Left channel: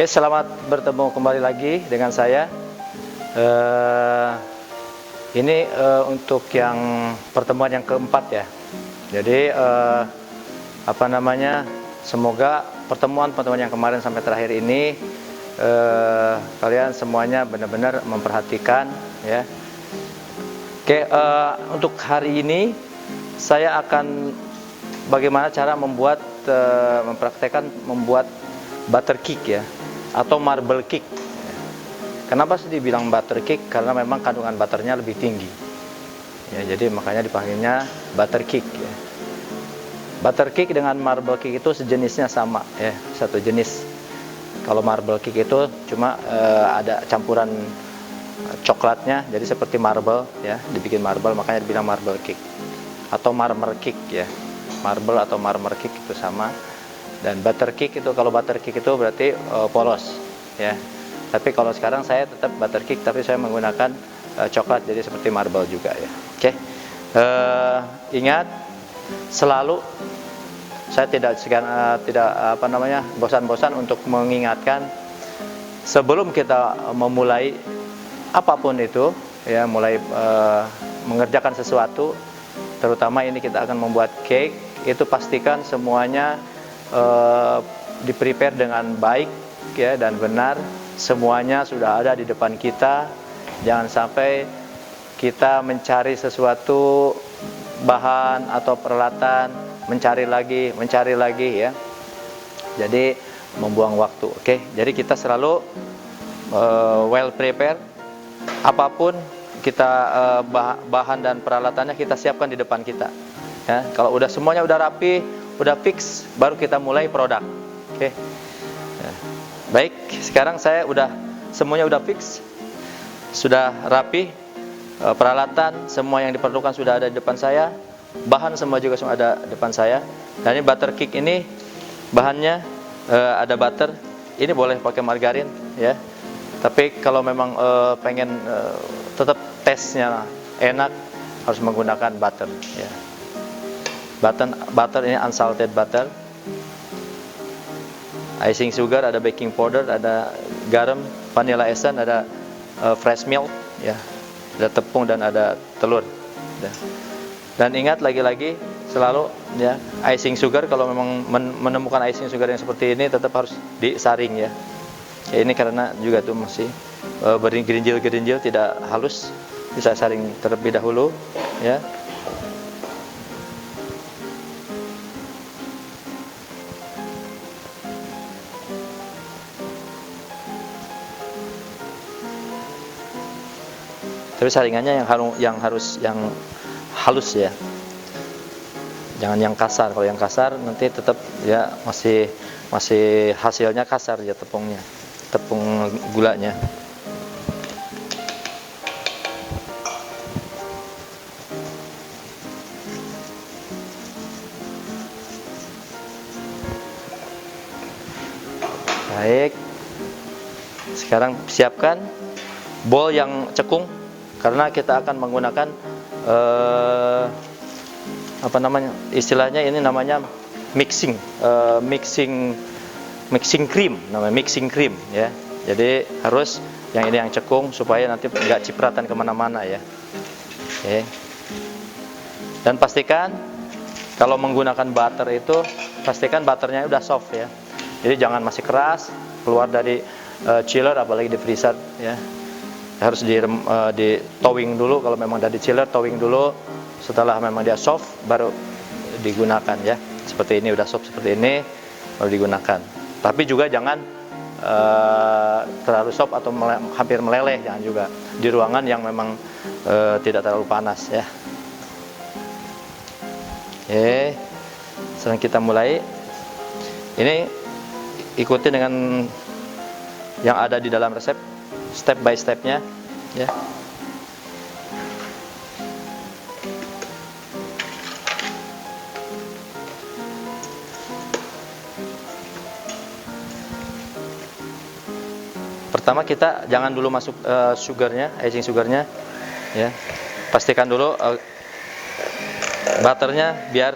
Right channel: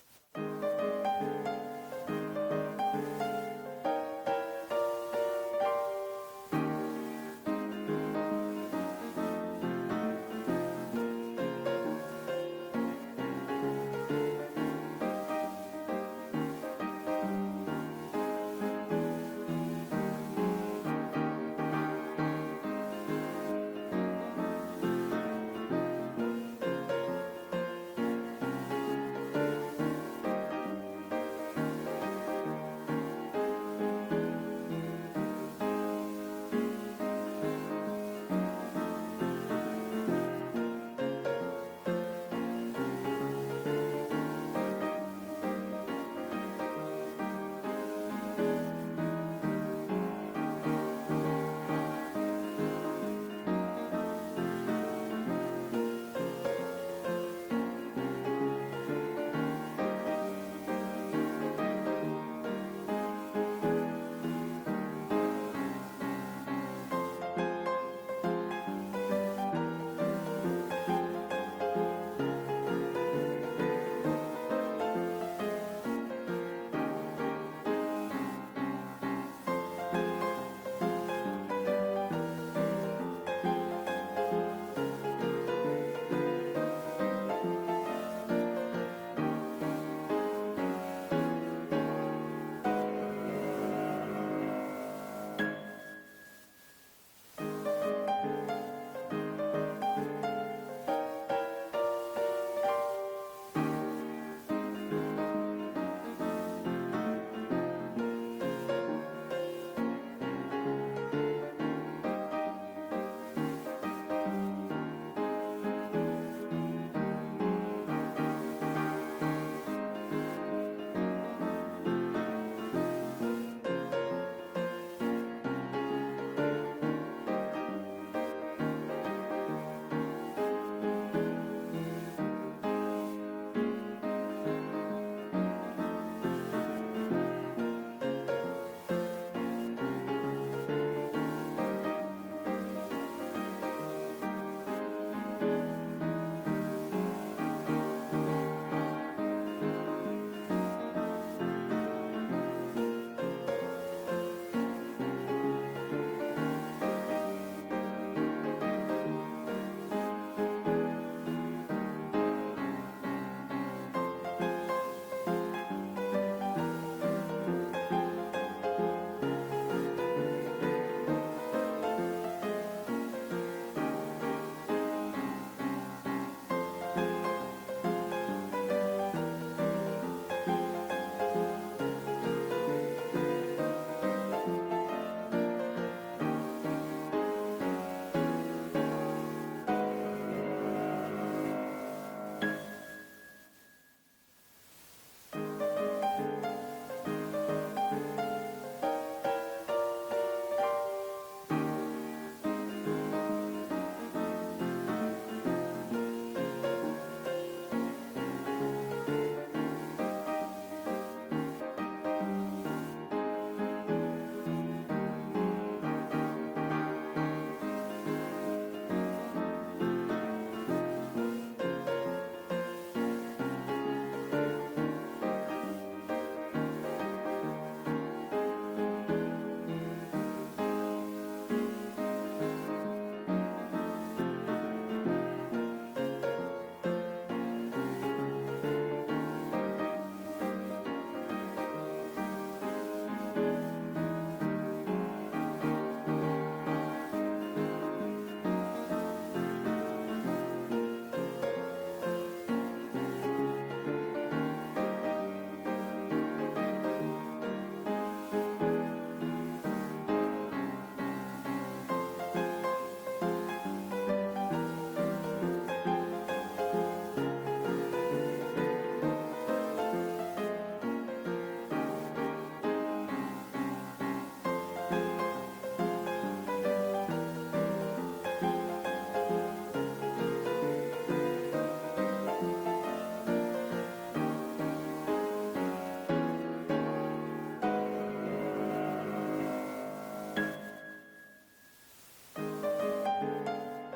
Oke, selamat bertemu kembali lagi dengan saya. Untuk yang pertemuan yang keempat ya. Jadi semoga pertemuan-pertemuan yang kemarin sampai terakhir ini kalian semuanya benar-benar memperhatikan ya. Oke, untuk hari ini saya akan bagaimana cara mempraktekkan membuat butter cake ya, atau marble cake. Kenapa sih dibilang butter cake? Karena memang kandungan butternya lebih tinggi. Ya, jadi makanya dipanggilnya butter cake ya. Butter cake dengan marble cake itu sejenisnya sama ya, satu jenis. Kalau marble cake itu cuma ada campuran coklatnya, jadi seperti marble ya, dibikin marble, makanya dibilang marble cake atau marmer cake ya. Marble atau marmer cake itu sama. Dan butter cake itu, kalau butter cake itu berarti polos ya. Tapi kalau sekarang saya tetap butter cake, tapi saya menggunakan coklat, jadi seperti marble juga ya. Oke. Ingat, selalu saya tidak bosan-bosan untuk mengingatkan sebelum kita memulai apapun itu ya, mulai mengerjakan sesuatu, terutama ini kita akan membuat cake, itu pastikan semuanya di-prepare dengan baik ya dan benar. Semuanya sudah ada di depan kita. Jangan sampai kita mencari sesuatu bahan atau peralatan, mencari lagi ya. Jadi membuang waktu. Oke, jadi kita selalu well prepared. Apapun kita bahan dan peralatannya kita siapkan di depan kita. Ya, kalau semuanya udah rapi, udah fix, baru kita mulai produk. Oke. Ya. Baik, sekarang semuanya udah fix, sudah rapi, peralatan semua yang diperlukan sudah ada di depan saya, bahan semua juga sudah ada di depan saya. Dan ini butter cake ini bahannya ada butter, ini boleh pakai margarin ya. Tapi kalau memang pengen tetap taste-nya enak, harus menggunakan butter ya. Butter ini unsalted butter, icing sugar, ada baking powder, ada garam, vanilla essence, ada fresh milk ya, ada tepung dan ada telur ya. Dan ingat lagi-lagi selalu ya, icing sugar, kalau memang menemukan icing sugar yang seperti ini tetap harus disaring ya. Ya, ini karena juga tuh masih berinjil-gerinjil, tidak halus, bisa saring terlebih dahulu ya. Tapi saringannya yang halus ya, jangan yang kasar. Kalau yang kasar nanti tetap ya masih hasilnya kasar ya, tepung gulanya. Baik, sekarang siapkan bowl yang cekung, karena kita akan menggunakan istilahnya ini namanya mixing cream, namanya mixing cream ya. Jadi harus yang ini yang cekung supaya nanti nggak cipratan kemana-mana ya. Oke. Dan pastikan kalau menggunakan butter itu, pastikan butternya udah soft ya. Jadi jangan masih keras, keluar dari chiller apalagi di freezer ya. Harus di thawing dulu, kalau memang dari chiller thawing dulu, setelah memang dia soft baru digunakan ya. Seperti ini udah soft seperti ini baru digunakan. Tapi juga jangan terlalu soft atau hampir meleleh, jangan juga. Di ruangan yang memang tidak terlalu panas ya. Oke, sekarang kita mulai. Ini ikuti dengan yang ada di dalam resep, step by stepnya ya. Pertama kita jangan dulu masuk icing sugarnya ya. Pastikan dulu butternya biar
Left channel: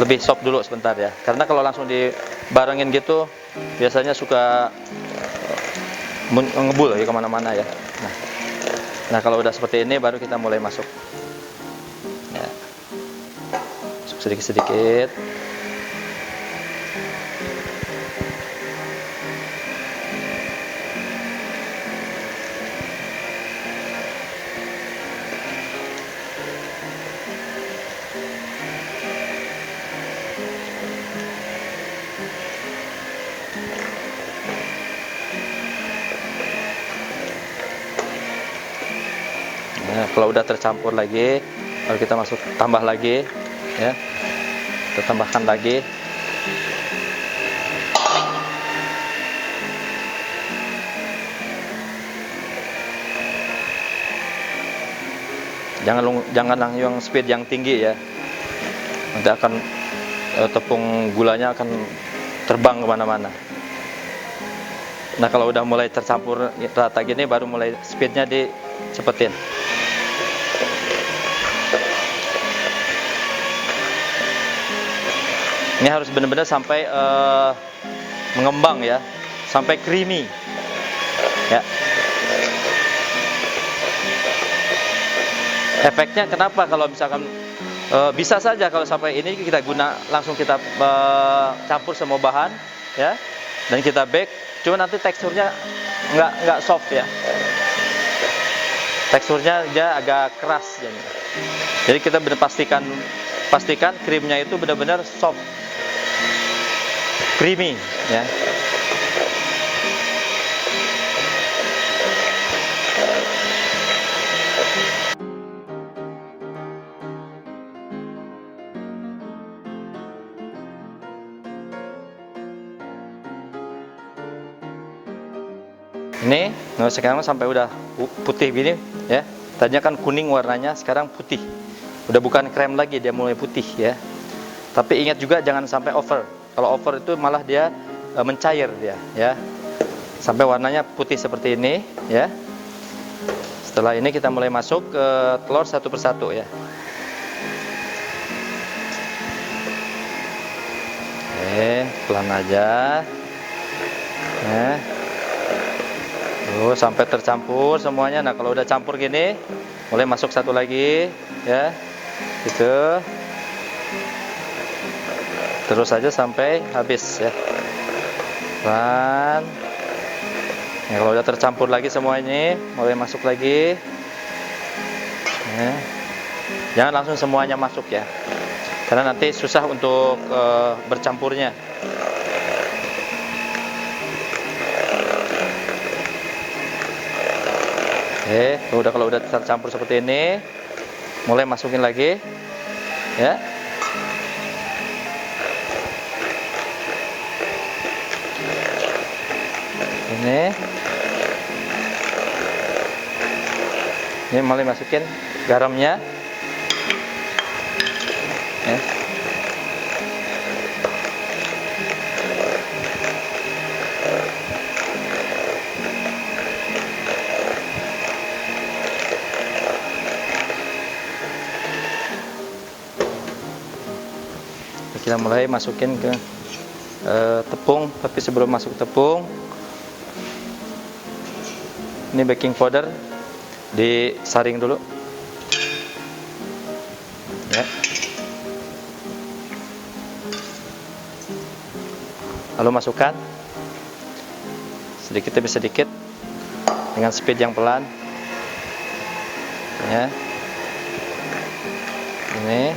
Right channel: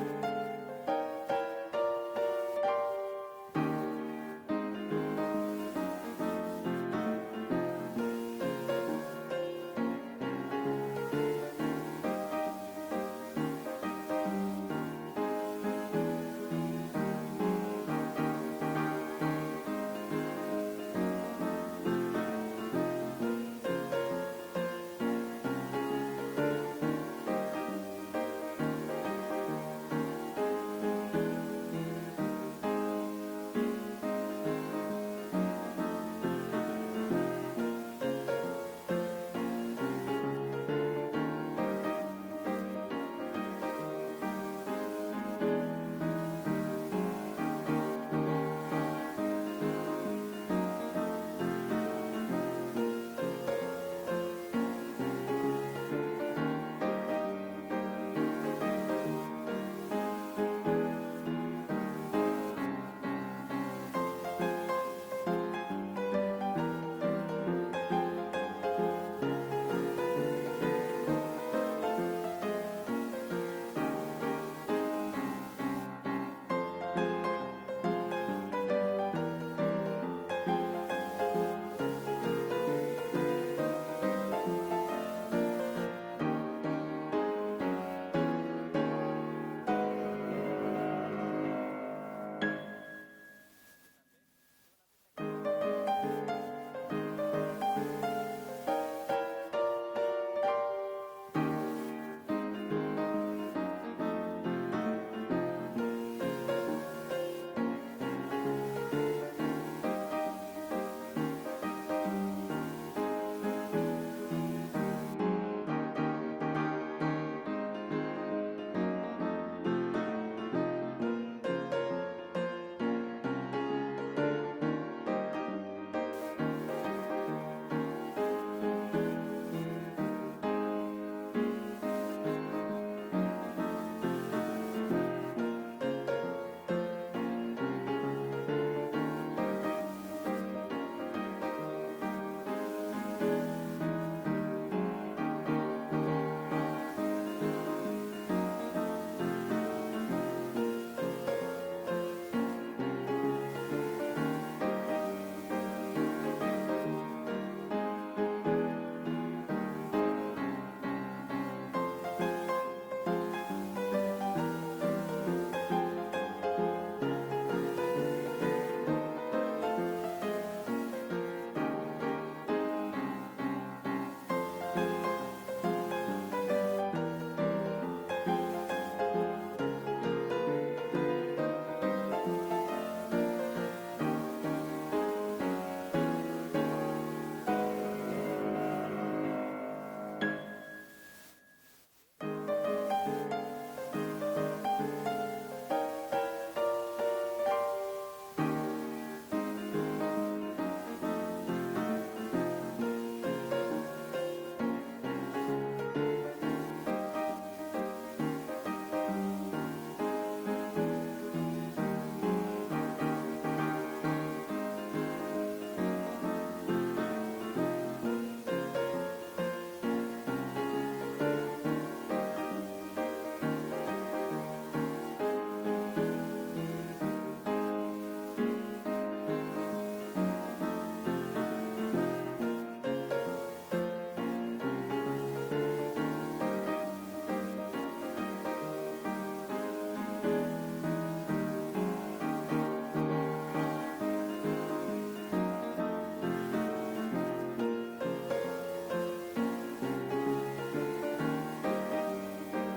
lebih soft dulu sebentar ya. Karena kalau langsung barengin gitu biasanya suka ngebul ya kemana-mana ya. Nah kalau udah seperti ini baru kita mulai masuk ya. Masuk sedikit-sedikit. Nah, kalau udah tercampur lagi, lalu kita tambah lagi, ya, kita tambahkan lagi. Jangan yang speed yang tinggi ya, nanti akan tepung gulanya akan terbang kemana-mana. Nah kalau udah mulai tercampur rata gini, baru mulai speednya dicepetin. Ini harus benar-benar sampai mengembang ya, sampai creamy ya. Efeknya kenapa kalau misalkan bisa saja kalau sampai ini kita langsung kita campur semua bahan ya, dan kita bake, cuma nanti teksturnya nggak soft ya, teksturnya dia agak keras jadi kita benar pastikan krimnya itu benar-benar soft, creamy ya. Ini sekarang sampai udah putih gini ya. Tadinya kan kuning warnanya, sekarang putih. Udah bukan krem lagi, dia mulai putih ya. Tapi ingat juga jangan sampai over. Kalau over itu malah dia mencair dia ya. Sampai warnanya putih seperti ini ya. Setelah ini kita mulai masuk ke telur satu persatu ya. Oke, pelan aja. Ya. Tuh, sampai tercampur semuanya. Nah kalau udah campur gini, mulai masuk satu lagi ya, gitu. Terus aja sampai habis ya. Pelan. Nah, kalau udah tercampur lagi semua ini, mulai masuk lagi ya. Jangan langsung semuanya masuk ya, karena nanti susah untuk bercampurnya. Oke, kalau udah tercampur seperti ini, mulai masukin lagi, ya. Ini mulai masukin garamnya, ya. Kita mulai masukin ke tepung, tapi sebelum masuk tepung, ini baking powder disaring dulu ya. Lalu masukkan sedikit demi sedikit dengan speed yang pelan ya. Ini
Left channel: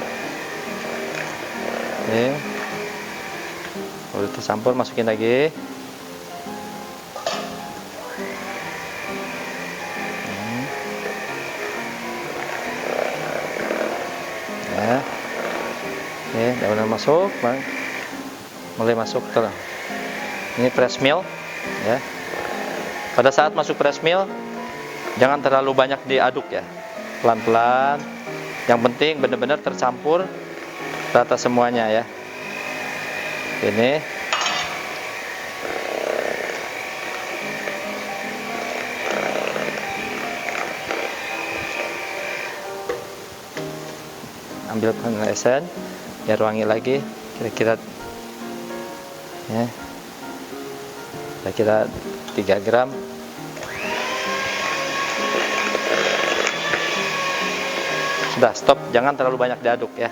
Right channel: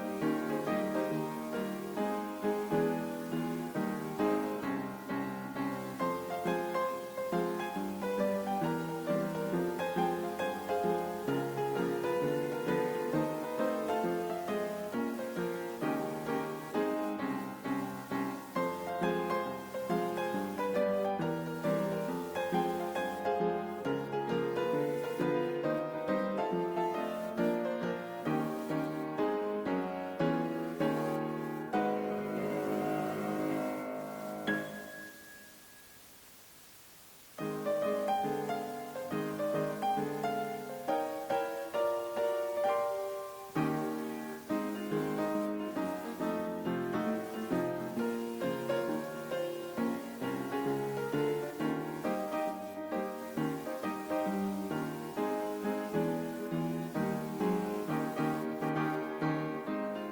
udah tercampur, masukin lagi. Ya. Oke, udah masuk, mulai masuk ke ini press mill ya. Pada saat masuk press mill, jangan terlalu banyak diaduk ya, pelan-pelan. Yang penting benar-benar tercampur rata semuanya ya. Ini ambil vanilla essence biar wangi lagi, kira-kira ya. Saya kira 3 gram. Sudah, stop, jangan terlalu banyak diaduk ya.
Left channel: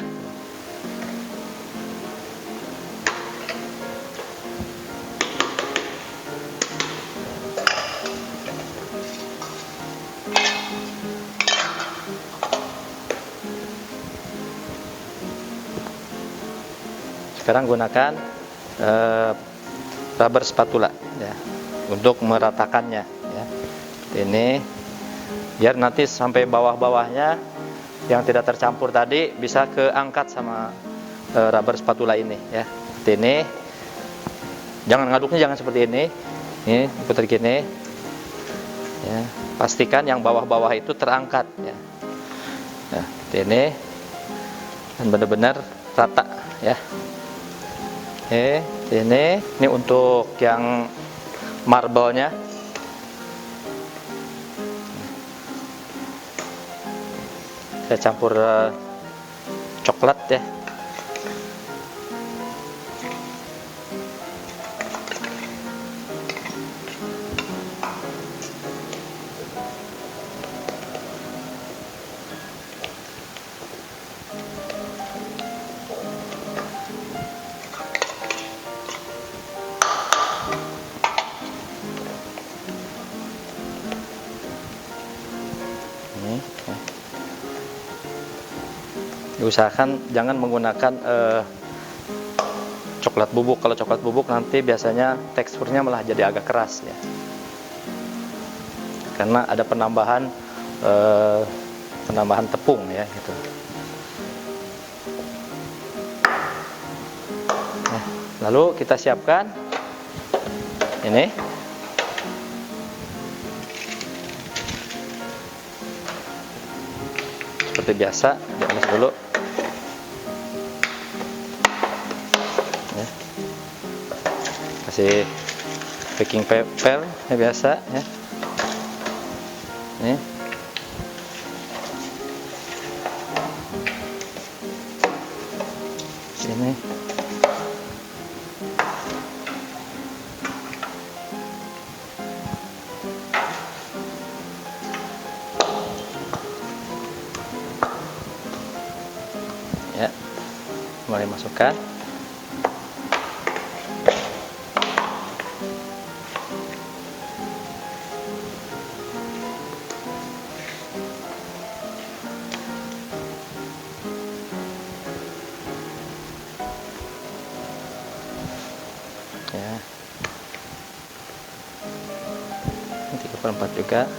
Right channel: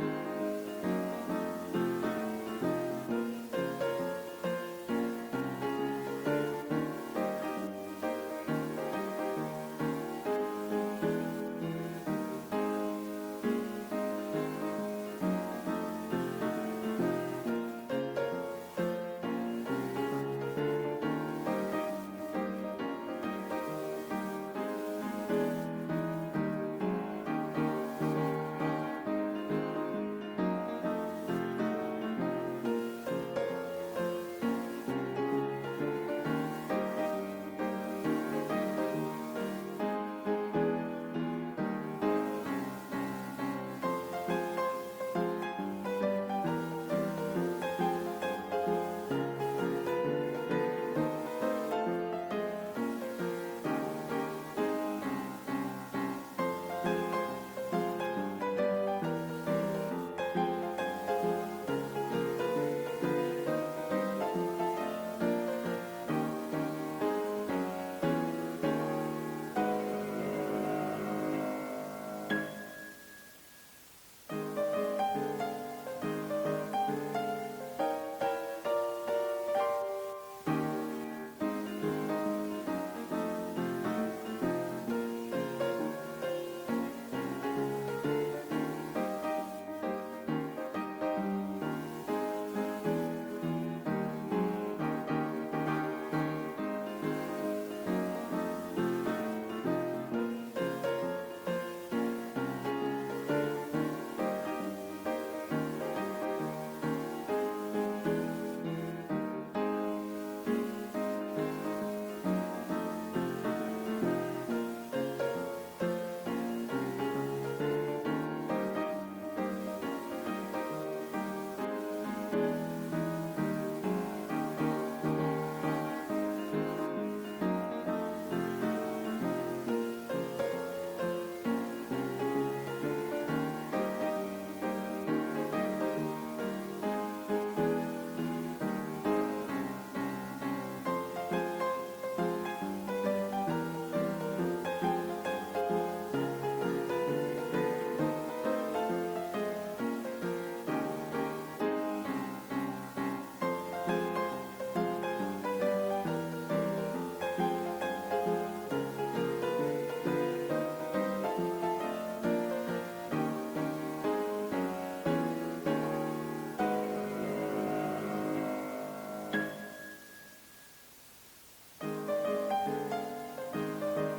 Sekarang gunakan rubber spatula ya untuk meratakannya ya. Ini biar nanti sampai bawah-bawahnya yang tidak tercampur tadi bisa keangkat sama rubber spatula ini ya. Ini jangan ngaduknya, jangan seperti ini. Ini putar gini ya. Pastikan yang bawah-bawah itu terangkat ya. Nah, ini dan benar-benar rata ya. Oke, ini untuk yang marble-nya. Saya campur coklat ya. Diusahakan jangan menggunakan coklat bubuk. Kalau coklat bubuk nanti biasanya teksturnya malah jadi agak keras ya, karena ada penambahan tepung ya gitu. Nah, lalu kita siapkan ini. Seperti biasa, diamis dulu. Ya. Kasih baking paper ya, biasa ya. Ini. Ini. Ya, mulai masukkan. Ya, 3/4 juga.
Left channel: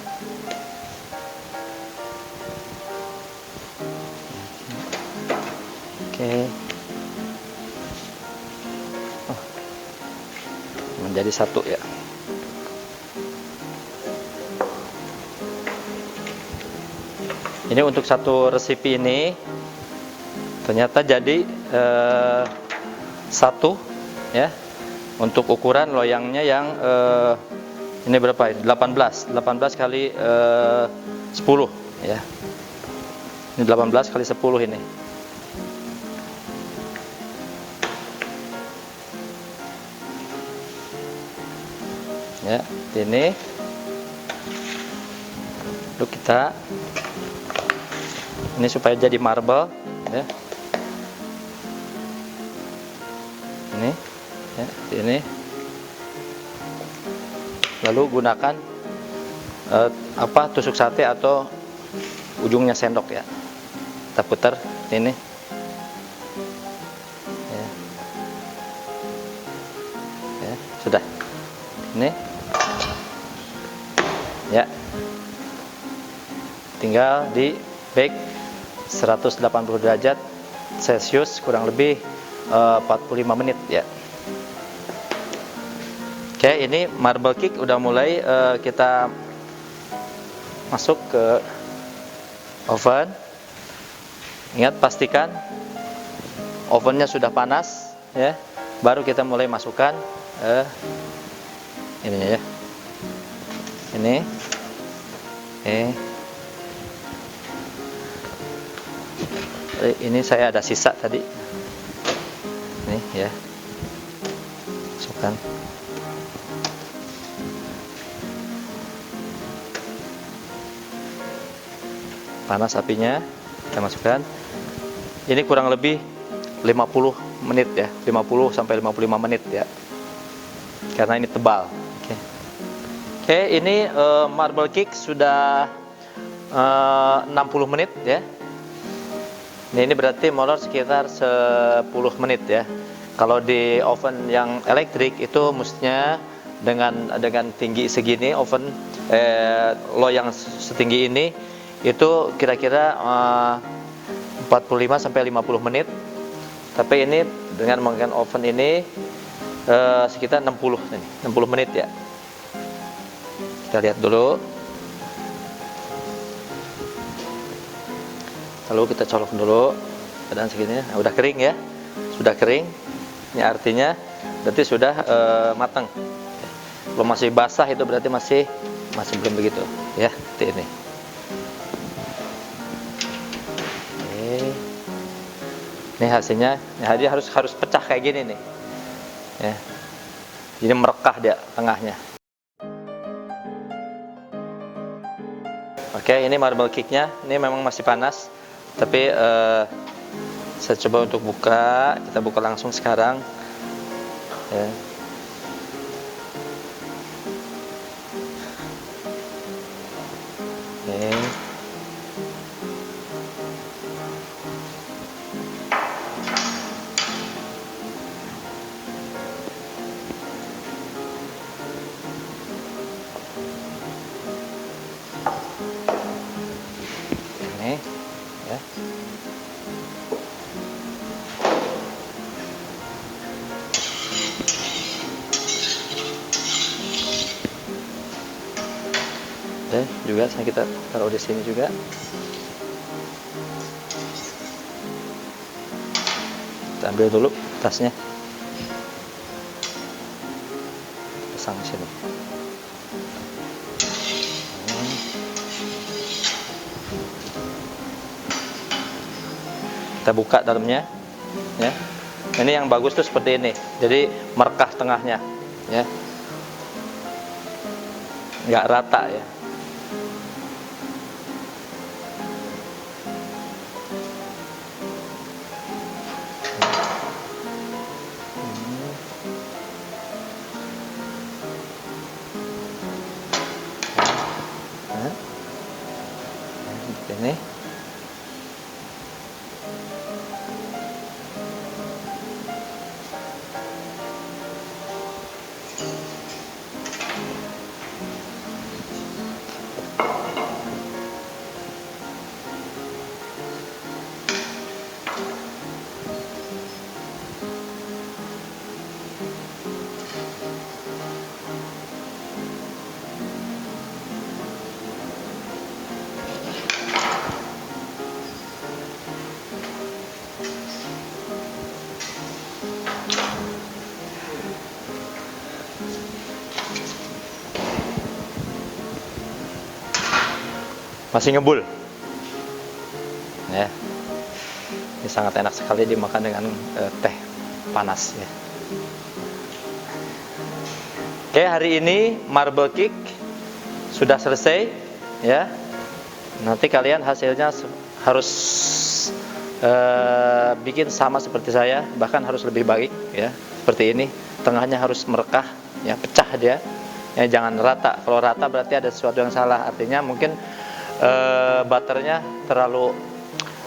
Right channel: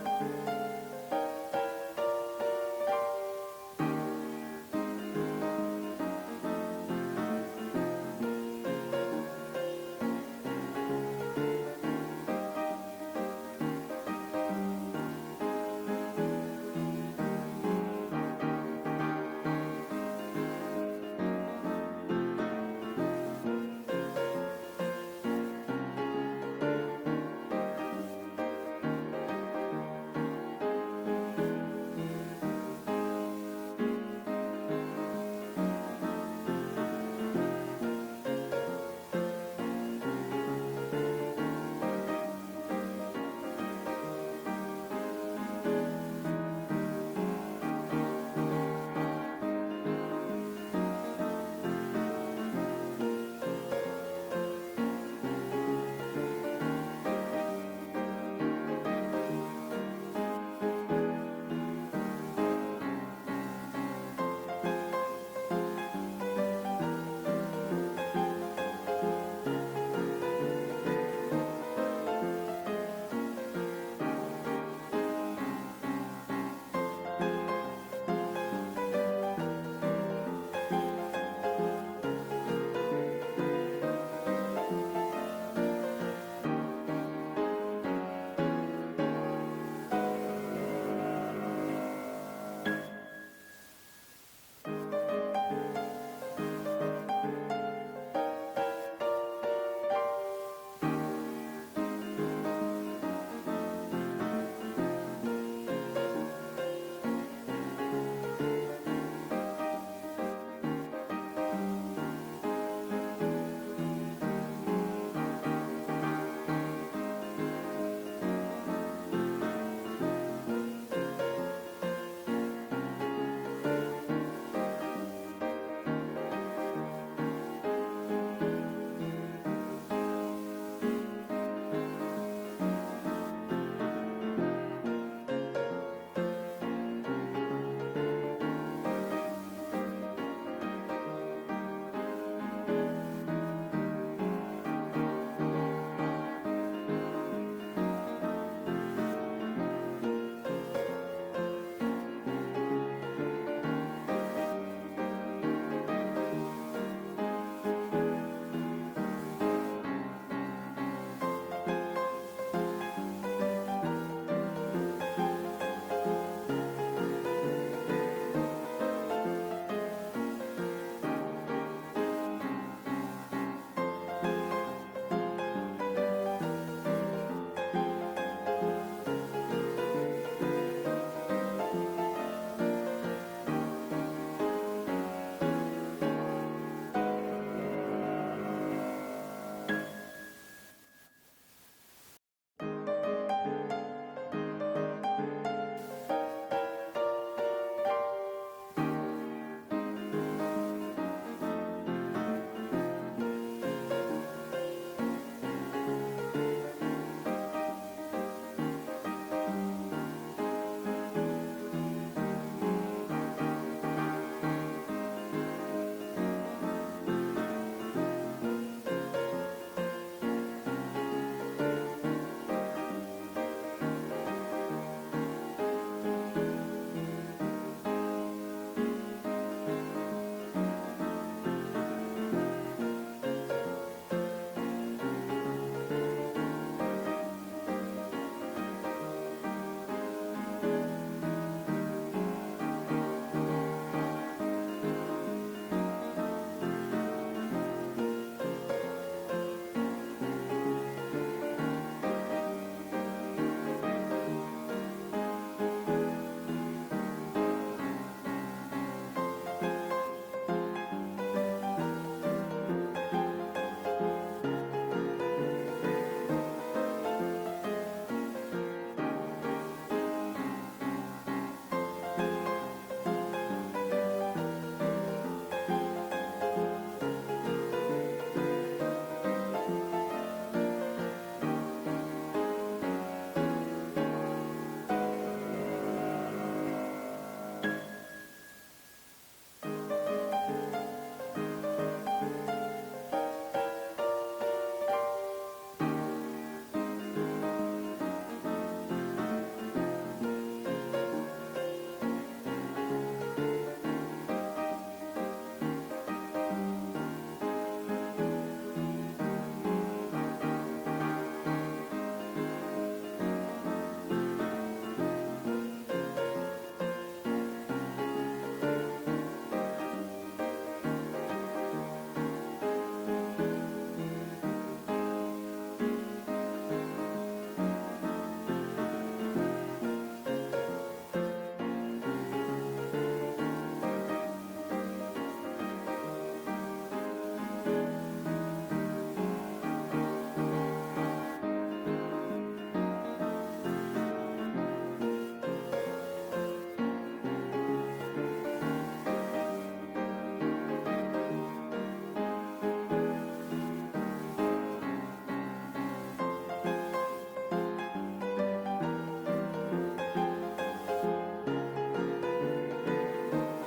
Oke. Oh, menjadi satu ya. Ini untuk satu resipi ini ternyata jadi satu ya. Untuk ukuran loyangnya yang ini berapa ini? 18 kali 10 ya. Ini 18 kali 10 ini. Ya, ini. Lalu kita ini supaya jadi marble ya. Ini ya, ini. Lalu gunakan tusuk sate atau ujungnya sendok ya. Kita putar ini. Ya. Ya, sudah. Ini. Ya. Tinggal di bake 180 derajat Celcius kurang lebih 45 menit ya. Oke, ini marble cake udah mulai kita masuk ke oven. Ingat, pastikan ovennya sudah panas ya. Baru kita mulai masukkan ininya ya. Ini saya ada sisa tadi. Nih ya. masukkan. Panas apinya, kita masukkan. Ini kurang lebih 50 menit ya, 50 sampai 55 menit ya. Karena ini tebal. Oke, ini marble cake sudah 60 menit ya. Ini berarti molor sekitar 10 menit ya. Kalau di oven yang elektrik itu mestinya dengan tinggi segini, oven loyang setinggi ini itu kira-kira 45 sampai 50 menit. Tapi ini dengan menggunakan oven ini sekitar 60 menit ya. Kita lihat dulu. Lalu kita colok dulu keadaan segini. Nah, udah kering ya. Sudah kering. Ini artinya berarti sudah matang. Kalau masih basah itu berarti masih belum begitu ya, seperti ini. Ini hasilnya, dia harus pecah kayak gini nih, ya. Jadi merekah dia tengahnya. Oke, ini marble cake-nya, ini memang masih panas, tapi saya coba untuk buka, kita buka langsung sekarang. Ya. Oke. Ini ya. Oke, juga kita taruh di sini juga. Kita ambil dulu tasnya. Pasang di sini. Kita buka dalamnya ya. Ini yang bagus tuh seperti ini, jadi merekah tengahnya ya, nggak rata ya. Ini masih ngebul ya. Ini sangat enak sekali dimakan dengan teh panas ya. Oke, hari ini marble cake sudah selesai ya. Nanti kalian hasilnya harus bikin sama seperti saya, bahkan harus lebih baik ya. Seperti ini, tengahnya harus merekah ya, pecah dia ya, jangan rata. Kalau rata berarti ada sesuatu yang salah, artinya mungkin butternya terlalu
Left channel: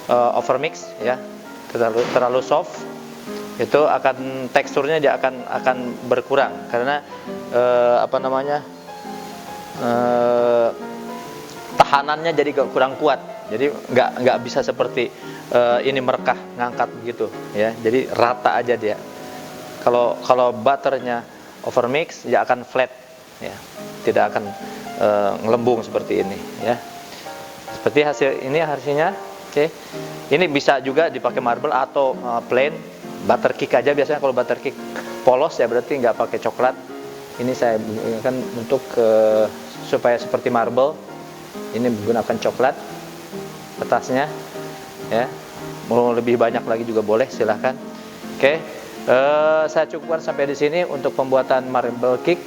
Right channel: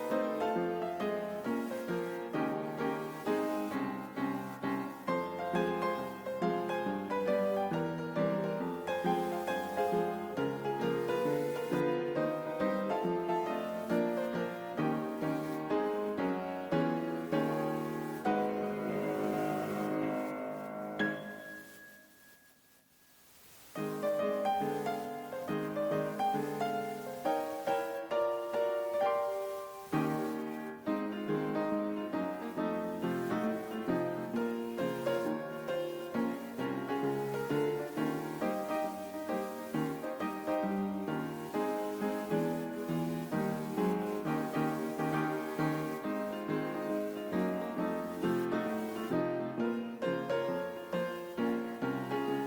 overmix ya, terlalu soft. Itu akan teksturnya dia akan berkurang karena tahanannya jadi kurang kuat. Jadi nggak bisa seperti ini merekah ngangkat begitu ya. Jadi rata aja dia. Kalau butternya overmix dia akan flat ya, tidak akan ngelembung seperti ini ya. Seperti hasil ini hasilnya. Oke. Ini bisa juga dipakai marble atau plain butter cake aja. Biasanya kalau butter cake polos ya berarti nggak pakai coklat. Ini saya gunakan untuk supaya seperti marble. Ini menggunakan coklat atasnya ya. Mau lebih banyak lagi juga boleh, silahkan. Oke. Saya cukupkan sampai di sini untuk pembuatan marble cake.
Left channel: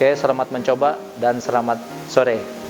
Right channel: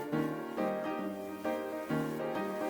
Oke, selamat mencoba dan selamat sore.